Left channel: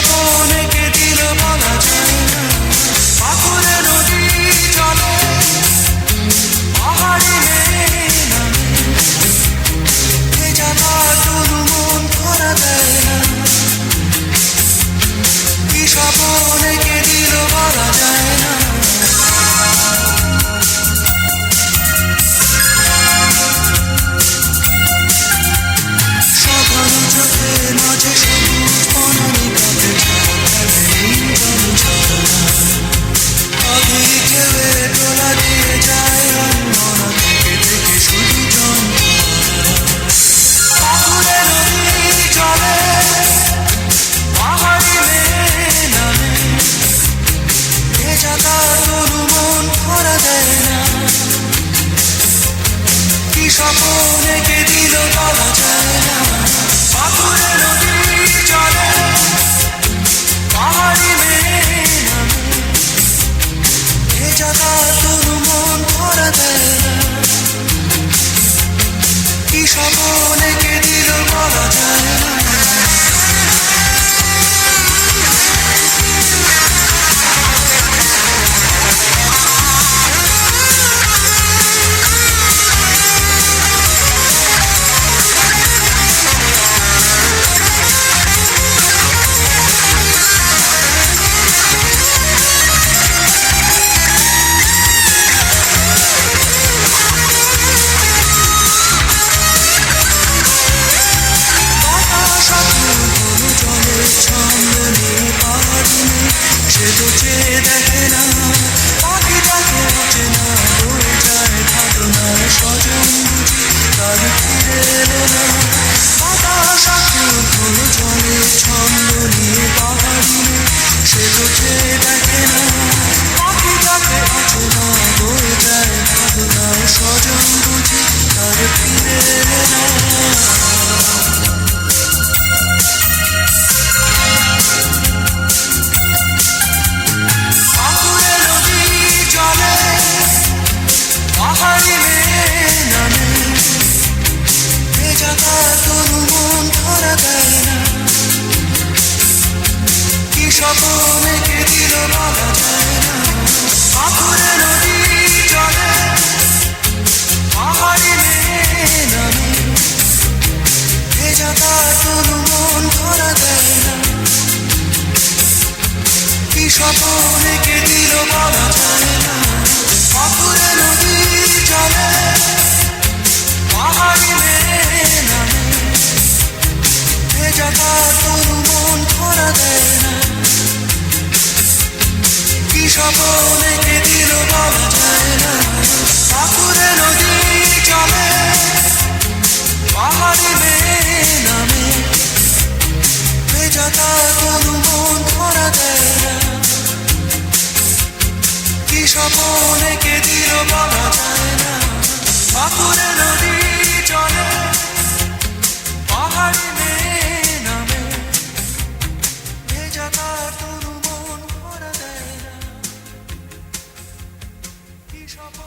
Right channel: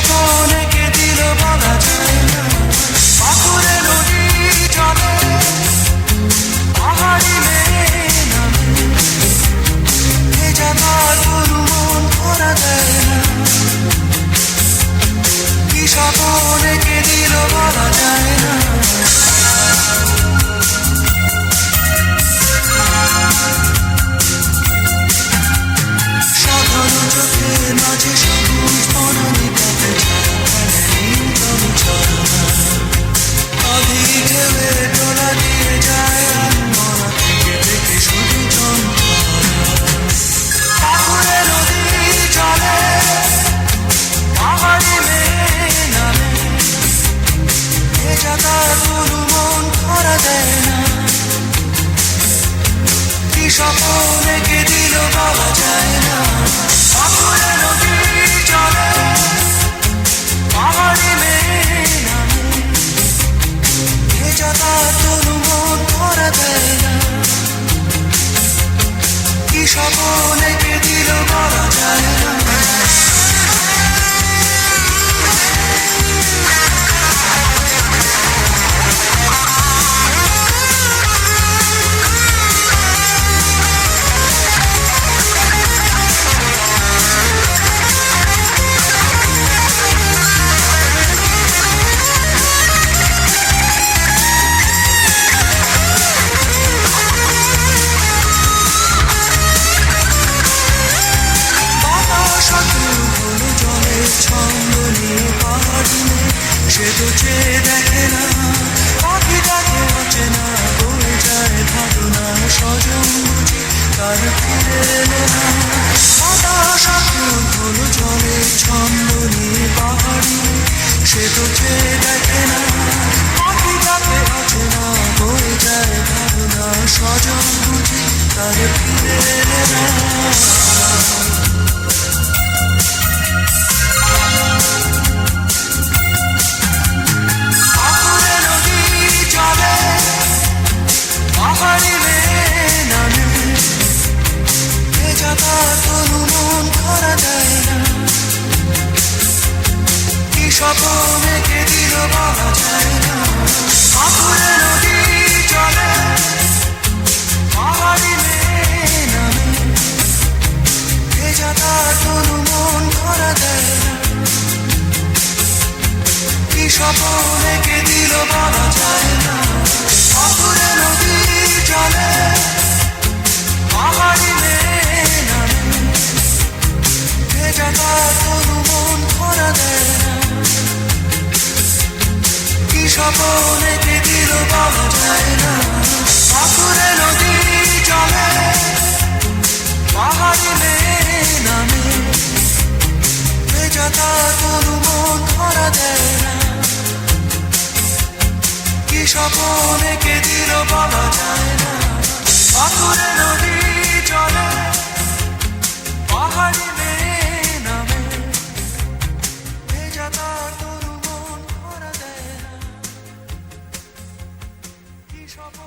স্বপন এঁকে দিল বলা যায় না। পাথুরে নদী চলে, পাহাড়ি মেয়ে নামে, ভেজা তার তনু মন ধরা দেয় না। কি স্বপন এঁকে দিল বলা যায় না। সাধারণ চোখের মাঝে সবুজ বনানী কাপে আধি ঢেউয়ে তোলা দিয়ে যায় আনমনা থেকে থেকে শুধু যন্ত্রণা। পাথুরে নদী চলে, পাহাড়ি মেয়ে নামে, ভেজা তার তনু মন ধরা দেয় না। কি স্বপন এঁকে দিল বলা যায় না। পাথুরে নদী চলে, পাহাড়ি মেয়ে নামে, ভেজা তার তনু মন ধরা দেয় না। কি স্বপন এঁকে দিল বলা যায় না। ছন্দ নিয়ে পাহাড়ি মেয়ে, সে তো চেয়ে দেখে না, পাখিটাকে অচেনা, বয়ে যায় ভাবনা স্বজন বুঝি তার ফিরে এলো না। বাতাস আকুল হলো জলে ছন্দ নিয়ে পাহাড়ি মেয়ে, সে তো চেয়ে দেখে না, পাখিটাকে অচেনা, বয়ে যায় ভাবনা স্বজন বুঝি তার ফিরে এলো না। পাহাড়ি মেয়ে নামে, ভেজা তার তনু মন ধরা দেয় না। কি স্বপন এঁকে দিল বলা যায় না। পাথুরে নদী চলে, পাহাড়ি মেয়ে নামে, ভেজা তার তনু মন ধরা দেয় না। কি স্বপন এঁকে দিল বলা যায় না। পাথুরে নদী চলে, পাহাড়ি মেয়ে নামে, ভেজা তার তনু মন ধরা দেয় না। কি স্বপন এঁকে দিল বলা যায় না। পাথুরে নদী চলে, পাহাড়ি মেয়ে নামে, ভেজা তার তনু মন ধরা দেয় না। কি স্বপন এঁকে দিল বলা যায় না। পাথুরে নদী চলে, পাহাড়ি মেয়ে নামে, ভেজা তার তনু মন ধরা দেয় না। কি স্বপন